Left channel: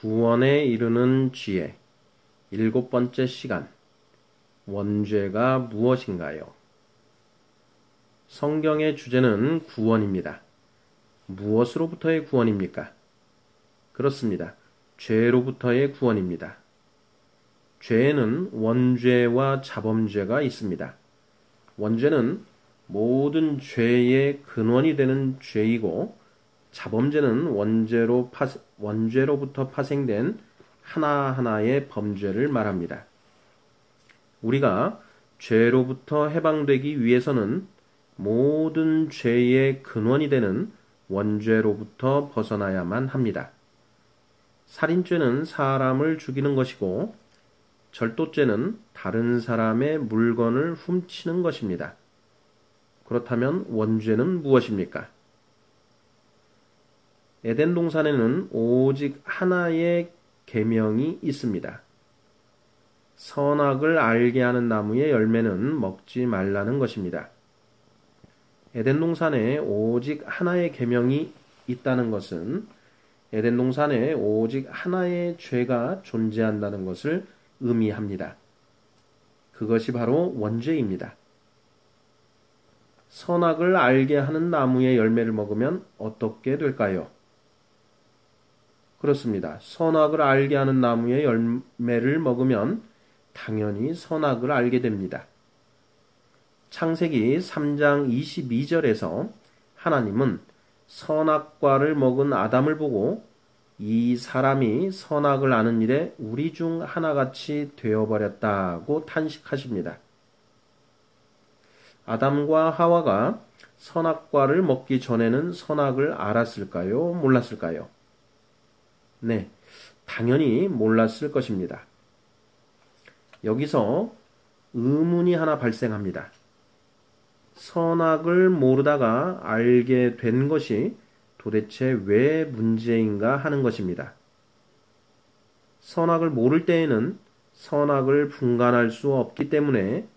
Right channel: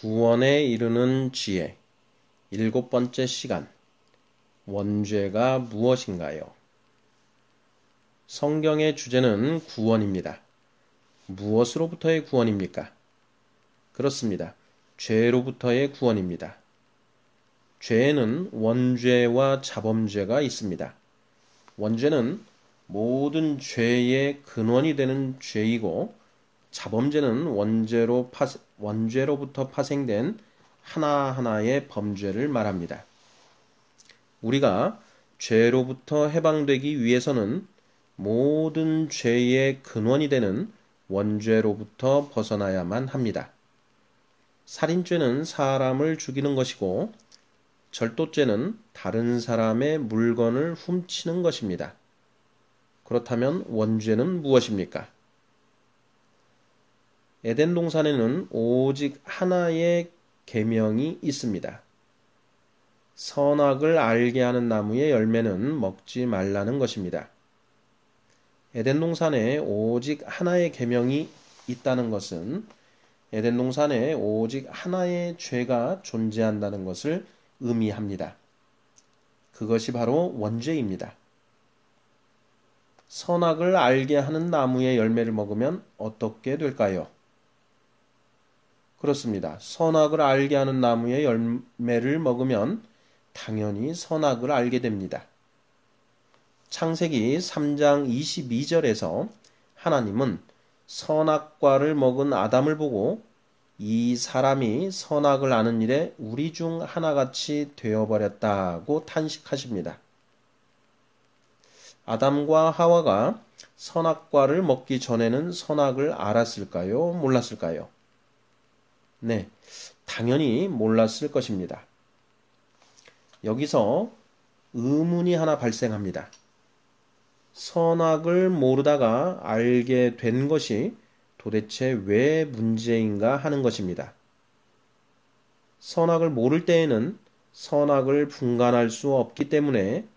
구원에 이르는 지혜, 7번째 시간. 원죄가 무엇인가요? 성경의 주제는 구원입니다. 무엇으로부터의 구원입니까? 그렇습니다. 죄로부터의 구원입니다. 죄에는 원죄와 자범죄가 있습니다. 원죄는 모든 죄의 근원이 되는 죄이고, 자범죄는 원죄로부터 파생된 하나하나의 범죄를 말합니다. 우리가 죄로부터 해방되기 위해서는 모든 죄의 근원이 되는 원죄로부터 벗어나야만 합니다. 살인죄는 사람을 죽이는 것이고, 절도죄는 다른 사람의 물건을 훔치는 것입니다. 그렇다면 원죄는 무엇입니까? 에덴 동산에는 오직 하나의 계명이 있습니다. 선악을 알게 하는 나무의 열매는 먹지 말라는 것입니다. 에덴 동산에 오직 하나의 계명이 있다는 것은 에덴 동산에 오직 하나의 죄가 존재한다는 것을 의미합니다. 그것이 바로 원죄입니다. 선악을 알게 하는 나무의 열매를 먹으면 어떻게 될까요? 그렇습니다. 선악을 알게 하는 나무의 열매를 먹으면 당연히 선악을 알게 됩니다. 창세기 3장 22절에서 하나님은 선악과를 먹은 아담을 보고 이 사람이 선악을 아는 일에 우리 중 하나같이 되어버렸다고 탄식하십니다. 아담과 하와가 선악과를 먹기 전에는 선악을 알았을까요? 몰랐을까요? 네, 당연히 몰랐을 것입니다. 여기서 의문이 하나 발생합니다. 선악을 모르다가 알게 된 것이 도대체 왜 문제인가 하는 것입니다. 선악을 모를 때에는 선악을 분간할 수 없기 때문에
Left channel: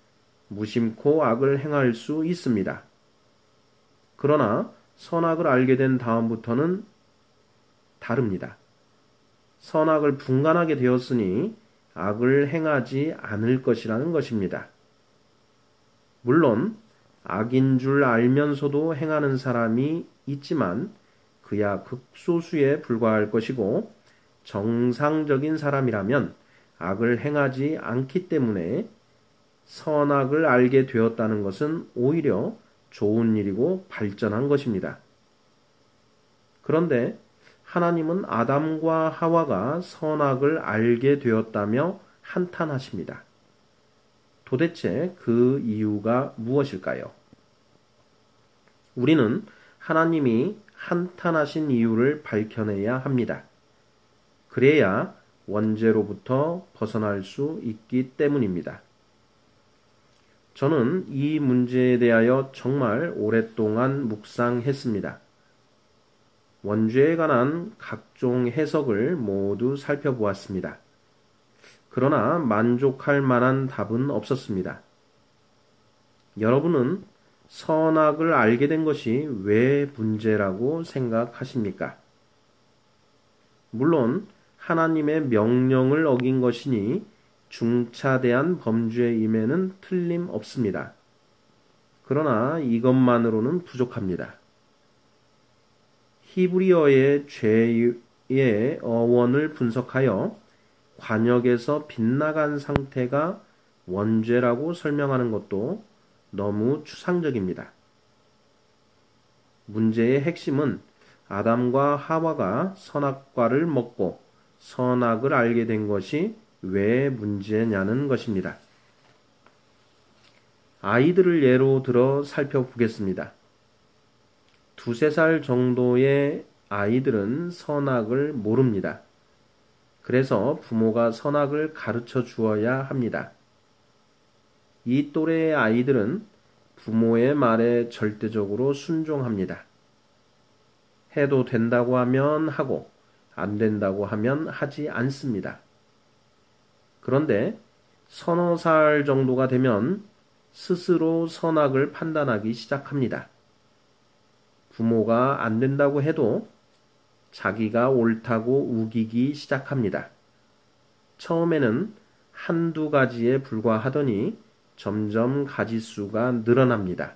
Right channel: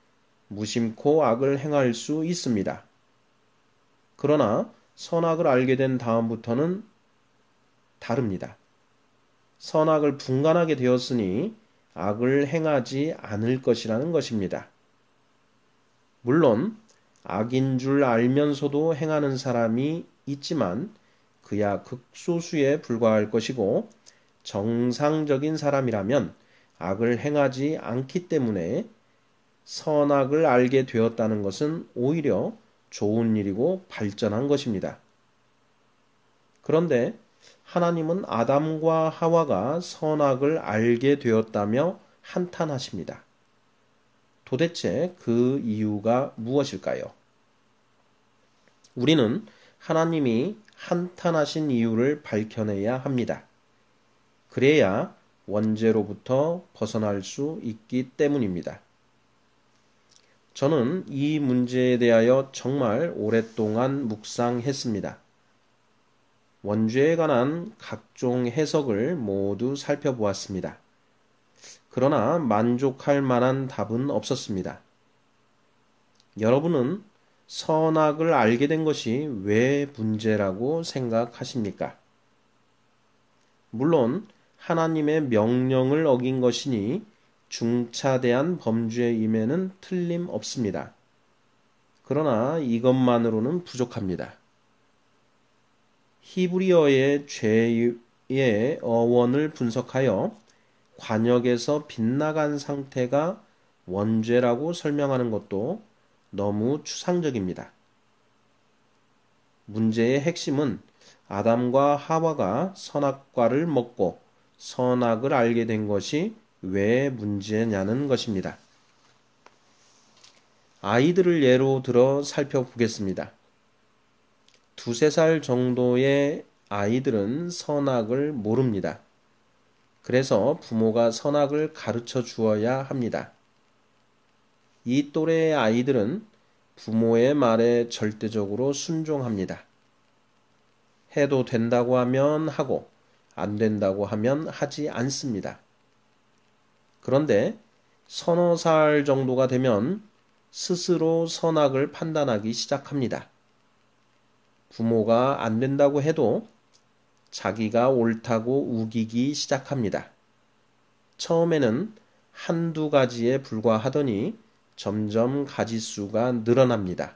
무심코 악을 행할 수 있습니다. 그러나 선악을 알게 된 다음부터는 다릅니다. 선악을 분간하게 되었으니 악을 행하지 않을 것이라는 것입니다. 물론 악인 줄 알면서도 행하는 사람이 있지만 그야 극소수에 불과할 것이고, 정상적인 사람이라면 악을 행하지 않기 때문에 선악을 알게 되었다는 것은 오히려 좋은 일이고 발전한 것입니다. 그런데 하나님은 아담과 하와가 선악을 알게 되었다며 한탄하십니다. 도대체 그 이유가 무엇일까요? 우리는 하나님이 한탄하신 이유를 밝혀내야 합니다. 그래야 원죄로부터 벗어날 수 있기 때문입니다. 저는 이 문제에 대하여 정말 오랫동안 묵상했습니다. 원죄에 관한 각종 해석을 모두 살펴보았습니다. 그러나 만족할 만한 답은 없었습니다. 여러분은 선악을 알게 된 것이 왜 문제라고 생각하십니까? 물론 하나님의 명령을 어긴 것이니 중차대한 범죄임에는 틀림없습니다. 그러나 이것만으로는 부족합니다. 히브리어의 죄의 어원을 분석하여 관역에서 빗나간 상태가 원죄라고 설명하는 것도 너무 추상적입니다. 문제의 핵심은 아담과 하와가 선악과를 먹고 선악을 알게 된 것이 왜 문제냐는 것입니다. 아이들을 예로 들어 살펴보겠습니다. 2~3살 정도의 아이들은 선악을 모릅니다. 그래서 부모가 선악을 가르쳐 주어야 합니다. 이 또래의 아이들은 부모의 말에 절대적으로 순종합니다. 해도 된다고 하면 하고 안 된다고 하면 하지 않습니다. 그런데 3~4살 정도가 되면 스스로 선악을 판단하기 시작합니다. 부모가 안 된다고 해도 자기가 옳다고 우기기 시작합니다. 처음에는 한두 가지에 불과하더니 점점 가지수가 늘어납니다.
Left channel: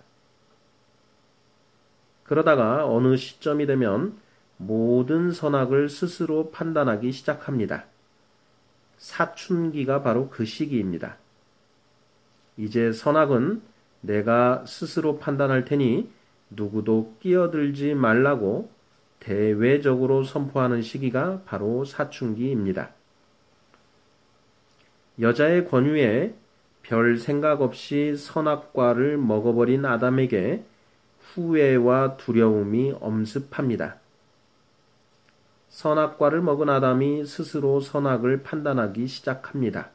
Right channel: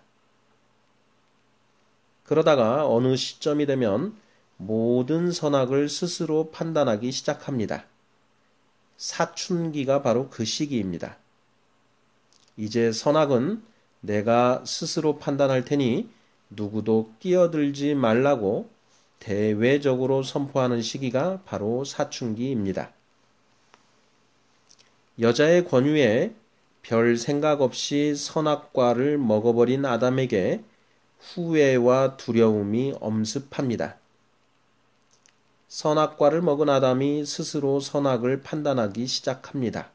그러다가 어느 시점이 되면 모든 선악을 스스로 판단하기 시작합니다. 사춘기가 바로 그 시기입니다. 이제 선악은 내가 스스로 판단할 테니 누구도 끼어들지 말라고 대외적으로 선포하는 시기가 바로 사춘기입니다. 여자의 권유에 별 생각 없이 선악과를 먹어버린 아담에게 후회와 두려움이 엄습합니다. 선악과를 먹은 아담이 스스로 선악을 판단하기 시작합니다.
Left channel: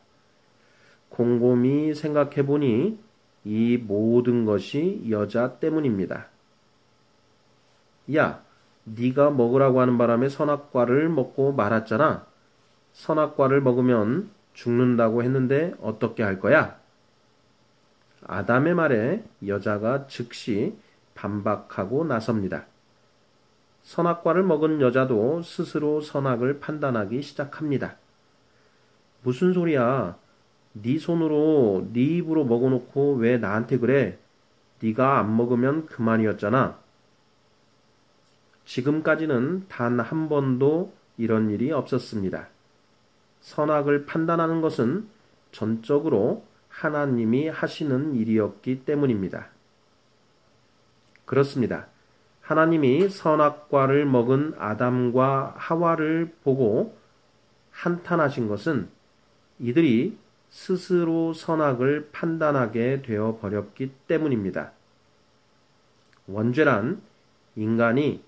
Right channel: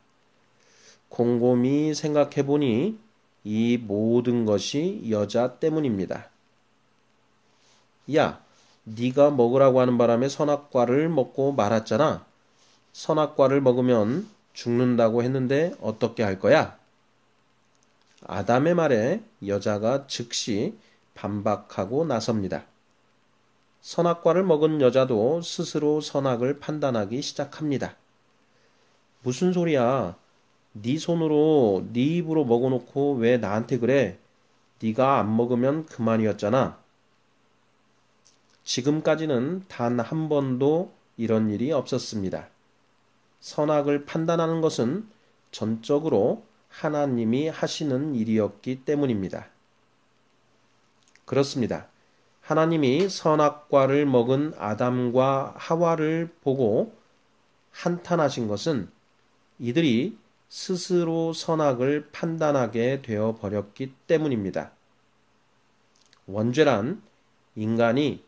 곰곰이 생각해 보니 이 모든 것이 여자 때문입니다. 야, 네가 먹으라고 하는 바람에 선악과를 먹고 말았잖아. 선악과를 먹으면 죽는다고 했는데 어떻게 할 거야? 아담의 말에 여자가 즉시 반박하고 나섭니다. 선악과를 먹은 여자도 스스로 선악을 판단하기 시작합니다. 무슨 소리야? 네 손으로 네 입으로 먹어놓고 왜 나한테 그래? 네가 안 먹으면 그만이었잖아. 지금까지는 단 한 번도 이런 일이 없었습니다. 선악을 판단하는 것은 전적으로 하나님이 하시는 일이었기 때문입니다. 그렇습니다. 하나님이 선악과를 먹은 아담과 하와를 보고 한탄하신 것은 이들이 스스로 선악을 판단하게 되어 버렸기 때문입니다. 원죄란 인간이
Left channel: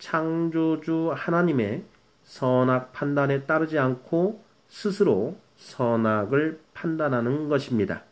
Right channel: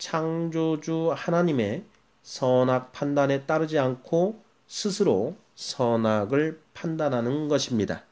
창조주 하나님의 선악 판단에 따르지 않고 스스로 선악을 판단하는 것입니다.